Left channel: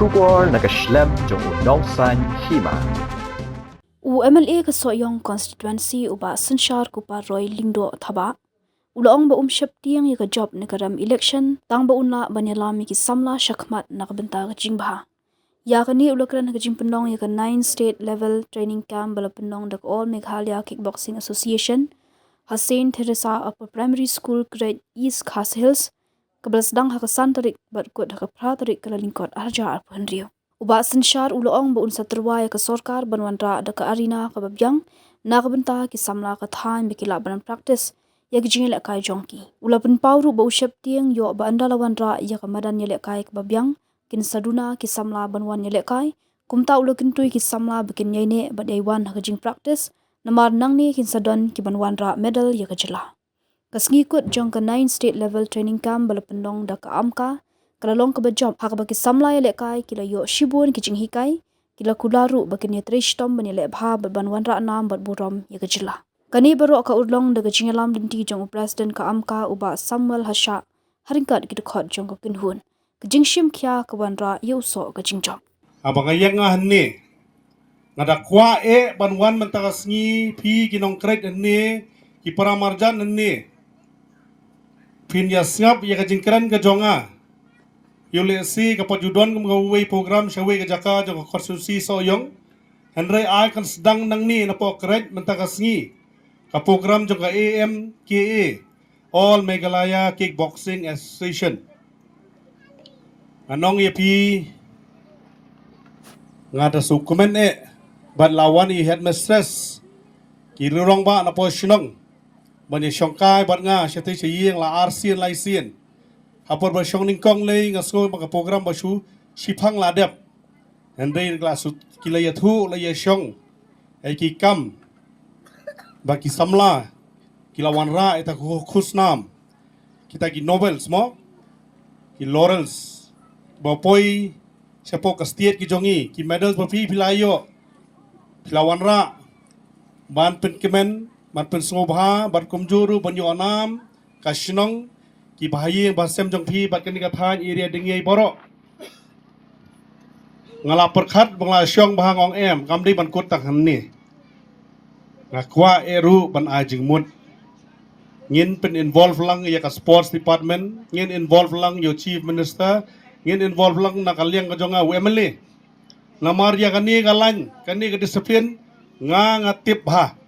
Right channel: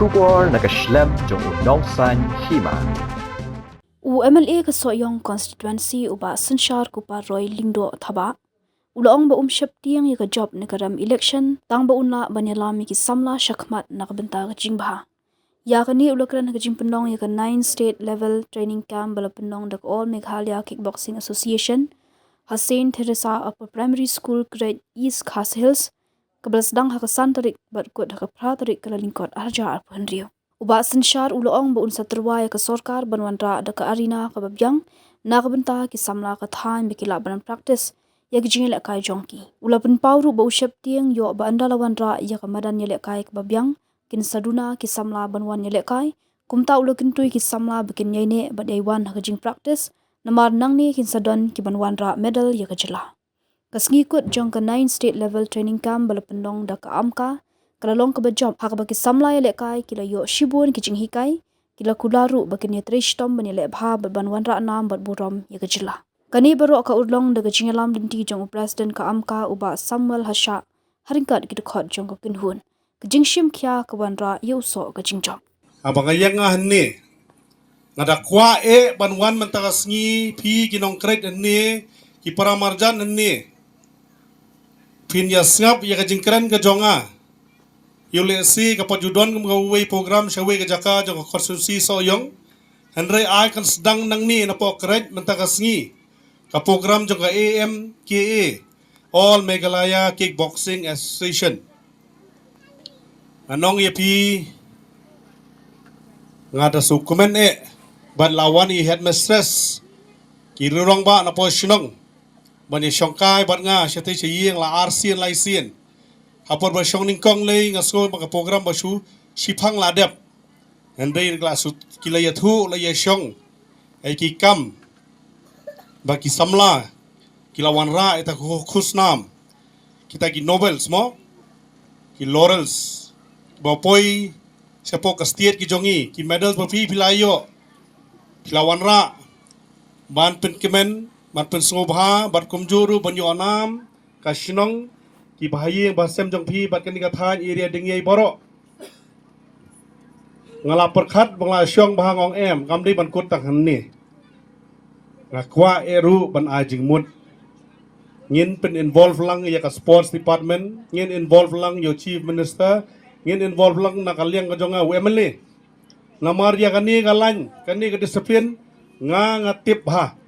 Shubor nakaslem jong unongsan Hima. MLA ka Soyong constituency uba Synshar kupa Roy Lingdo thaba ulong ba Sheptieng ya ka job ne karam election tang ba unla banyalami ki Samla shakmat nakabenta ka jingba ya ka ni ulakran ka jingpenong ya ka 9 state level training camp balapenong dak all Meghalaya Kickboxing Association Hussein Teresa Upper Primary School grade East Khas Hills kablas dang ha ka santarik bat kod ha ka pratarik kala lingkot arja arpanrio uba Synshar ulong ba unsa terwaya ka sorkar banwanra da ka arena ka babyang nakabenta ki Samla ka than bikila banan practice ya gijingel kai jongki ulapan pawru ba Sheptieng yo ba andalawanra ya ka madan yele kai ka babyang kin saduna ki Samla banwan yele kai kumta ulakin tui ki Samla bikin yaine ba daywan ha jing practice namar nangni kin sadon ki banwanra medal ya ka jela kasngi kut jong ka 9 state level training camp balapendong da ka amka kalalong ka job hak baki Samla yele kai kila yo shibun ki jing hikai kila kularu bakin ya trishtom banile bha banwanra nam bat burom ya ka jela kani baro ka urlong daga Ïalam dinti jong president ka amka uba Samuel hasha haringkat ki khot jong ka kinhun ka jingshim khya ka wanra yuso ka jingjom abangayang nga hanni nadakwa banwan mantagasngi pi ginong krek hanni ki paramarjan hanni pin ya snap ya ka jingkran ka jonga yule si ka pajudon ka ngaway program shawe ka jaka jong ka konstitusi soyong hanre ay kan sedang nang ni na po krek mantagasngi ka program jong ka AMKA All Meghalaya Kickboxing Association anong yapi ngada sukumen bat lawan I headmistress kirurong ba na po sinong bani syongkai bat nga syati chiyeng la arsien laisien hapor ba syong ningkong lay nga school mga program ba su sipang ladep hendai la su kilaya thu la ye syong ai ki kam ba ki Samla kilawan ra eta khusnam kita ki novels mo ki laurels ba poi sepo ka state ki jongi ki medals ba fi pilayo pilawan ra ban pen kemen ban pen sngobha ban kumjuru ban yo anam ka shinong ki bahaye ba sem jong phi bat kan ka than area dengi boro ngala perkhat bangla syong ba ngong em kamdi ban kut tak ni ngakwa eru ban ajing mut ngin pen involve lang ya ka sports department ngin involve lang yo chief minister ngin involve lang nakaliang ka jonga wemele namar ya kani galan kani ka disiplin ngatip ha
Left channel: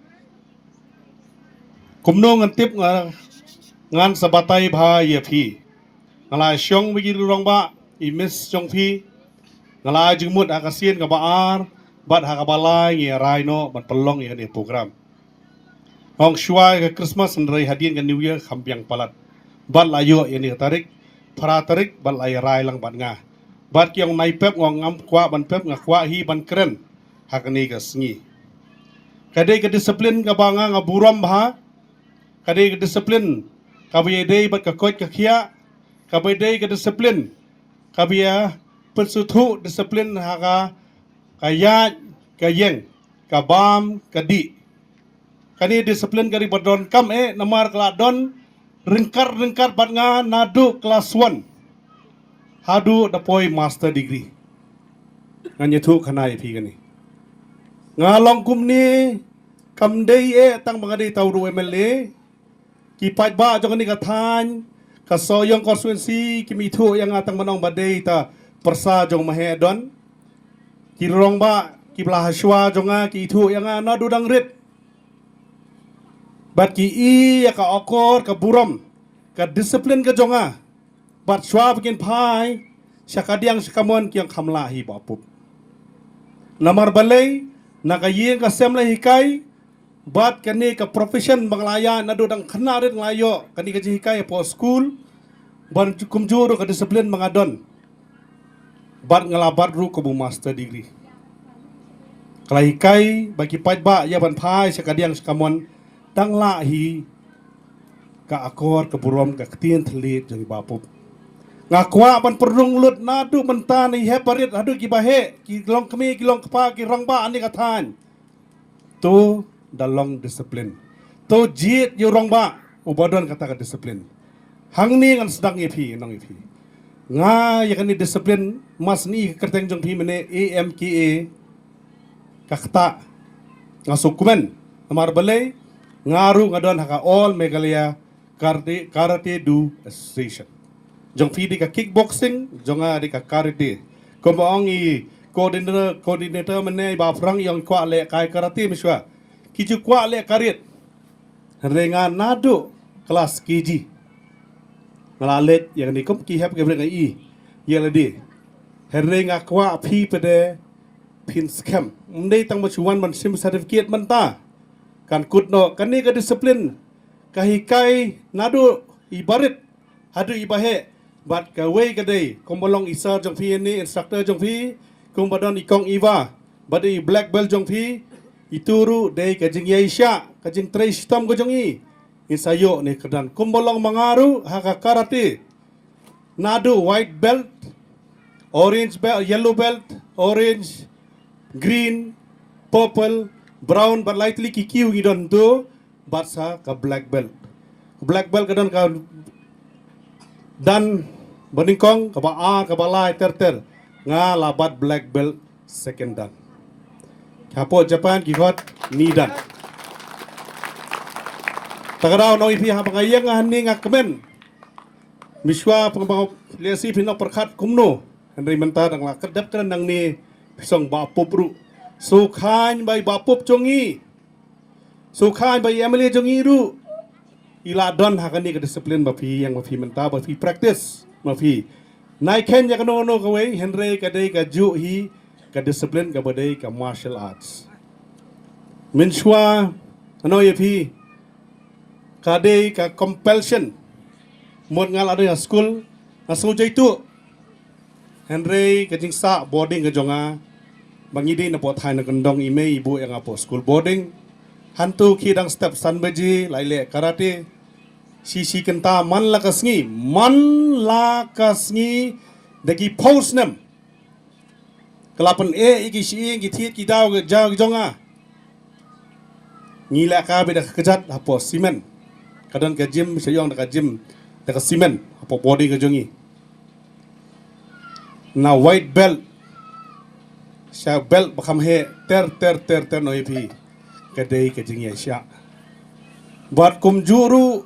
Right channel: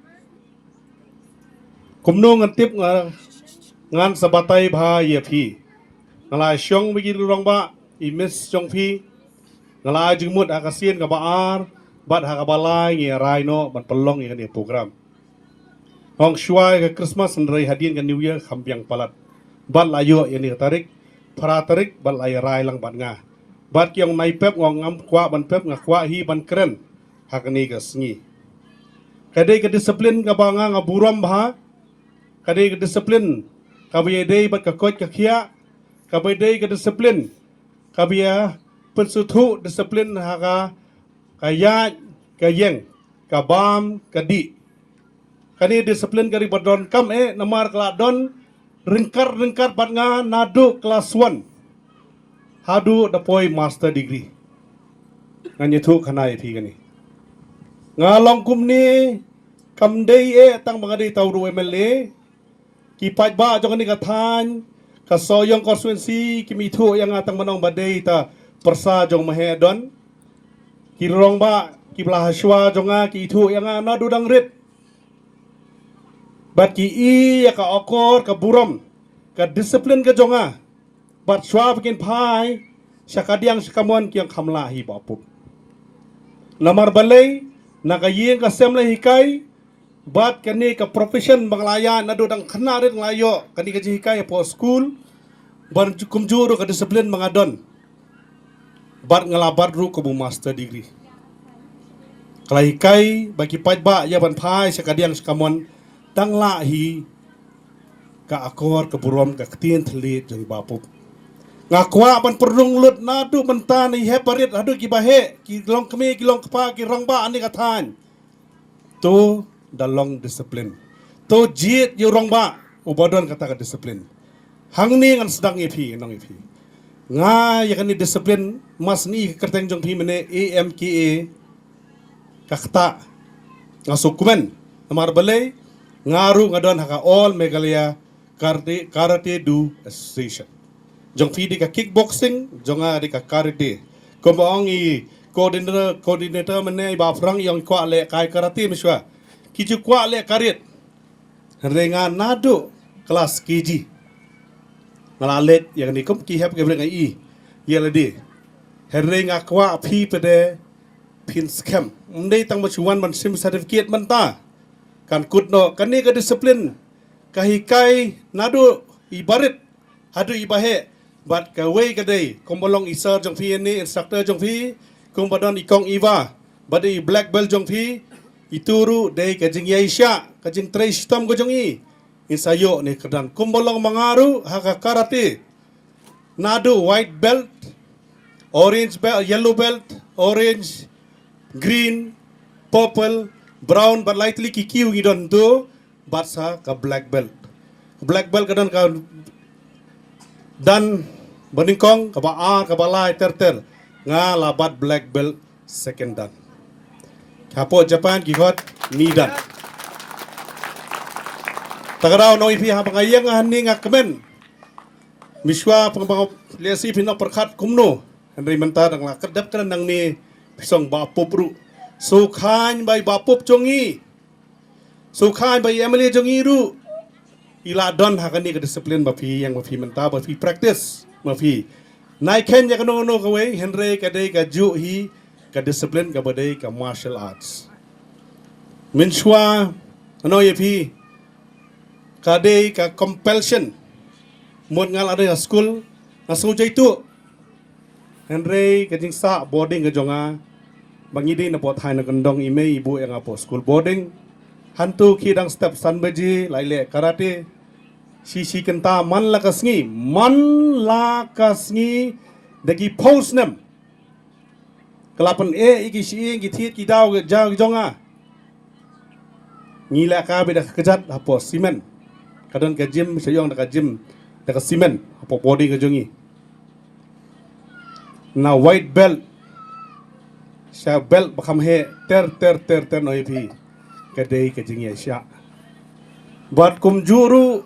kumno ngatip ngan sabatay bha ye phi ngala syong bigi rong ba I miss syong phi ngala jingmut akasien ka baar bat ha ka balai ngi raino bat pelong ya ni program hong shua ka Christmas nrai hadien ka New Year khampiang palat bat layo ya ni tarik para tarik bat lay rai lang bat nga bat kyong nai pep ngong ngam kwa ban pep nga kwa hi ban kren hakani ka sngi kadai ka disiplin ka banga nga buram bha kadai ka disiplin ka dei bat ka kot ka khia ka dei ka disiplin ka bia persuthu disiplin ha ka ya ka yeng ka bam ka di kani disiplin ka ri badon kam namar kala don ringkar bat nga nadu class 1 hadu dapoi master degree nganye thu khana thi kani ngalong kumni kamdei tang bangadi tawru MLA ki pajba jong ni kathan ka Soyong constituency ki mithu yang atang manong badei ta persa jong mahedon ki rong ba ki blahaswa jonga ki thu yang na dudang rit bat ki ya ka okor ka burom ka disiplin ka jonga bat shwa bikin pai syakadiang sakamon kyang khamla hi bapup namar balai nakayeng ka Samla hikai bat kani ka profession banglaya nado dang khana rin layo kani ka hikai po school ban kumjuro ka disiplin mangadon bat ngalabat ru ko master degree klaikai bagi pajba ya ban pai syakadiang sakamon tang la hi ka akor ka burom ka ktien thlit jari bapup ngakwa ban perlung lut nadu mentani heparit adu ki bahe ki long kemi ki long kpa ki rongba ani kathan to dalong disiplin to jiet yo rongba ubadon kata ka disiplin hangni ngan sedang ipi nong ipi nga ya kan ni disiplin mas ni kerteng jong phi mene AMKA kakta ngasukumen amar balai ngaru ngadon haka all Meghalaya karate do association jong phi di ka kickboxing jonga di ka karate kombaong i coordinator mene ba frang yang kwa le kai karate miswa kiju kwa le karit renga nado kelas KG malalet yang ni kum ki hap ke brenga i yeladi renga kwa phi pede pin scam ndai tang machuan man sim certificate man ta kan kutno kan ni ka disiplin kahikai nado ibarit hadu ibahe bat ka wei ka dei kombolong isar jong phi ni instructor jong phi kumbadon ikong iwa badai black belt jong phi ituru dei ka jing yaisha ka jing trace tom go jong i isayo ni kedan kumbolong mangaru haka karate nado white belt orange belt yellow belt orange green purple brown but lightly kikiu gidon tu batsa ka black belt kadon ka dan beningkong ka ba ka balai ter nga labat black belt second dan kapo Japan gihot ni dan tagaraw no ipi ha pangayang haning akmen miswa pangbango lesi pinok perkat kumno andai mentar ang kedap kan nang ni pisong bapop ru sukhan bai bapop jongi sukhan bai emily jongi ru iladon ha kan ni disiplin bapi yang bapi mentar bapi practice bapi nai ken ya kano no kawe henry kadai ka ju hi ka disiplin ka badai ka martial arts minswa ano ipi kadai ka compulsion mod ngal ada school asu jaitu Henry kajing sa boarding ke jonga bangidi na po thai na kandong ime ibu yang apo school boarding hantu kidang step san beji laile karate sisi kenta man lakasngi dagi post nem kelapan iki si iki tiet ki daw ke jaw jonga ngila ka beda kejat apo simen kadang ke gym sayong dekat gym dekat simen apa body ke jongi na white belt sa belt bakam he ter no ipi kadai ke jingi sya buat kum juru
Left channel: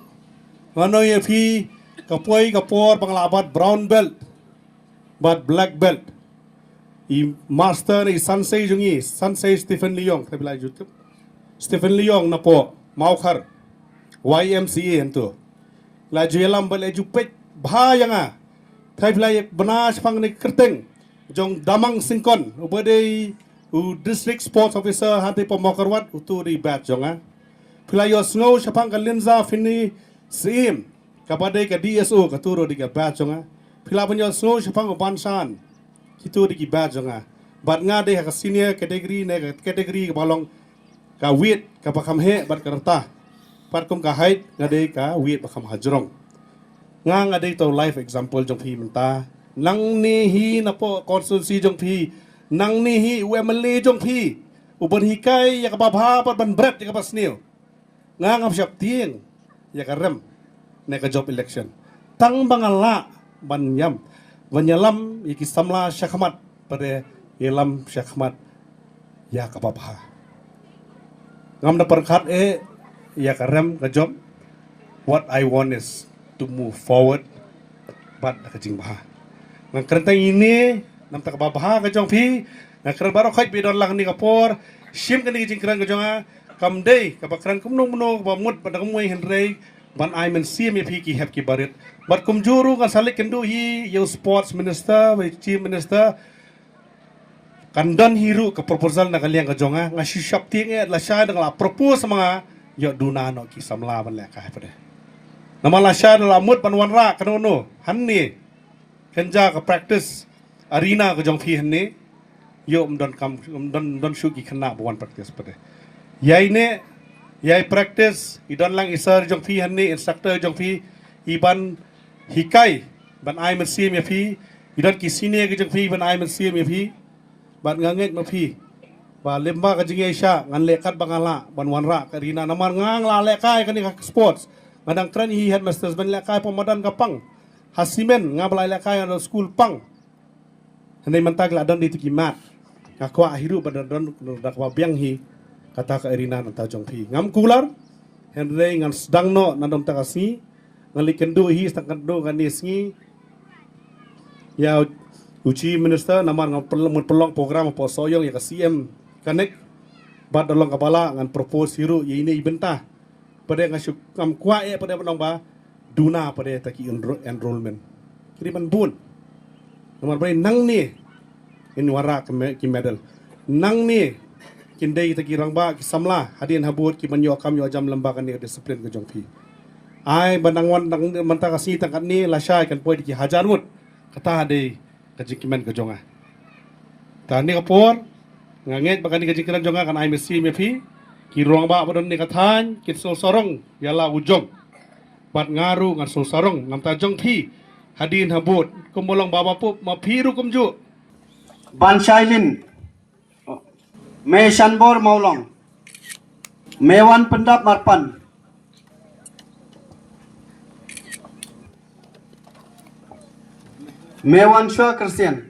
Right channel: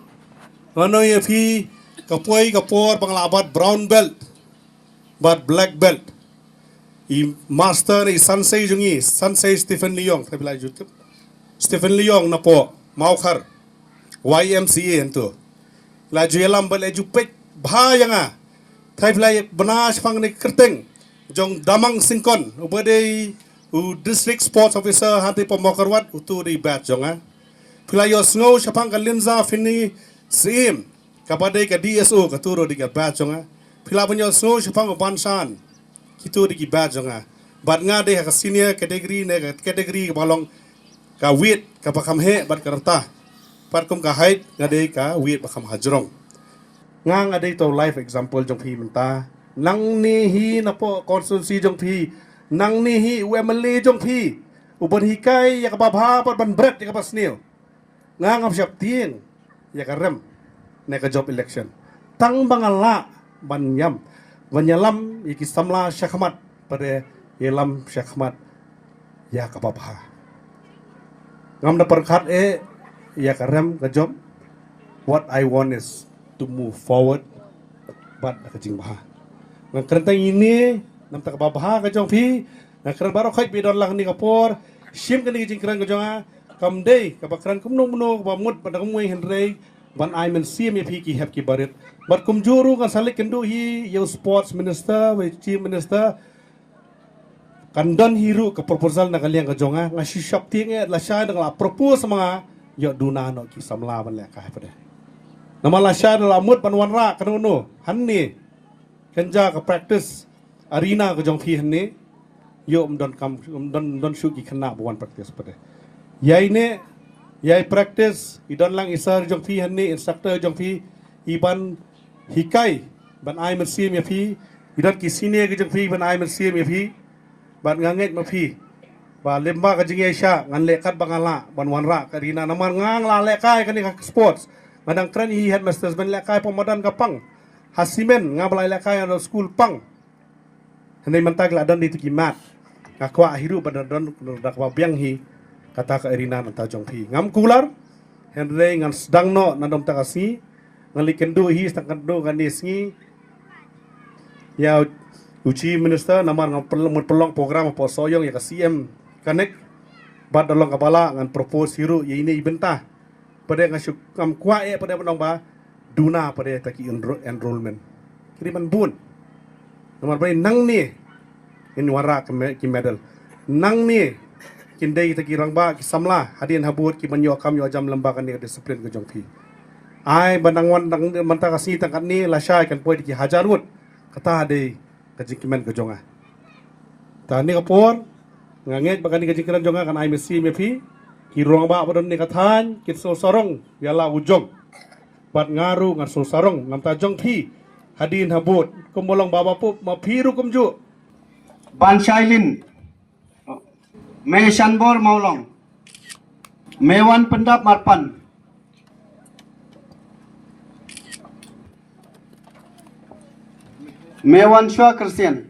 ano ipi kapoi kapor panglabat brown belt but black belt i master ni sansei jongi sansei Stephen Leong saya bilang YouTube Stephen Leong na po maukar YMCA ento la Ïalam bal ejupet bahaya thai play banas phang ni kerteng jong damang singkon ubade u district sports officer hati pemokarwat utu di bat jonga play yo snow chapang kalimza fini sim kapade ka DSO ka turo di ka bat jonga play banyo snow chapang bansan kitu di bat jonga bat nga de ka senior category ne category balong ka wit ka pakam he bat karta patkum ka height ngadei ka wit bakam hajrong nga ngadei to life example jong phi menta nang ni hi na po constituency jong phi nang ni hi UMLA jong phi uban hikai ya ka babha pat ban bret ya ka pasnil nga ngam Sheptieng ya ka rem na ka job election tang bangala ban Ïalam iki Samla syakmat pada Ïalam syakmat ya ka babha ngam na perkat ya karem ka job what I want is to move forward but ka jing baha nang kereta ini nam tak baha ka jong phi nang keren baro khait bidon lang ni kapor sim kan ni jing keren ka jonga kam dei ka bakran kum no ba mut pada kumui henrei ban I men sim ya phi ki hep ki barit but kum juru kan salik kendu hi yo sports minister we chief minister kandan hiru ke proposal na kalian ka jonga ngasi Sheptieng la sha la propose mga yo duna no ki Samla ban le ka pada nama la sha la mut ban wan ra kanono hanni kenja ka practice arena ka jong phi hanni yo don shu ki khana ban practice pada yai ne yai practice idon lang isar jong phi hanni instructor jong phi iban hikai ban ai men sim ya phi idon ki sine ka jong phi ban ai men sim ya phi ban nganget ma phi ba lemba ka jingai sha ngan lekat bangala ban wanra karina naman ngang la lekai kan ka sports madang kran hi headmasters ban lekai pemadan kapang hasimen ngabalai lakai ado school pang. Henai mentak ladan di tukimat. Ngakwa hiru badadan dakwa biang hi kata ka erina nanta jongpi. Ngam kular henai ngan sedang no nadom takasi ngali kendu hi stakendoganisngi ya uji minister namar ngam pelong program apa soyong ya ka CM connect bad dalong kapala ngan propose hiru ya ini ibentah pada ngam kwa ya pada menong ba duna pada taki enrollment. Kiri man bun. Namar bai nang ni in wara ki medal. Nang ni kindai taki rangba ki samla hadian habut ki manyo kam yo jam lembaga ni disiplin ke jongpi. Ai banangwan nang manta kasi tangkat ni lasai kan poi ki hajarut kata de kajikimen ke jonga. Tani kapor nganget bakani kajikiran jonga kan ai mesi mepi ki ruang ba bodon ni kathan ki sorong yala ujong. Bat ngaru ngan sorong ngam ta jongpi hadin habut kumbolong baba pu mapiru kumju. Ban Shailin Me Shanbor Maulong Mewan Pendap Marpan Mewan Shua Kersian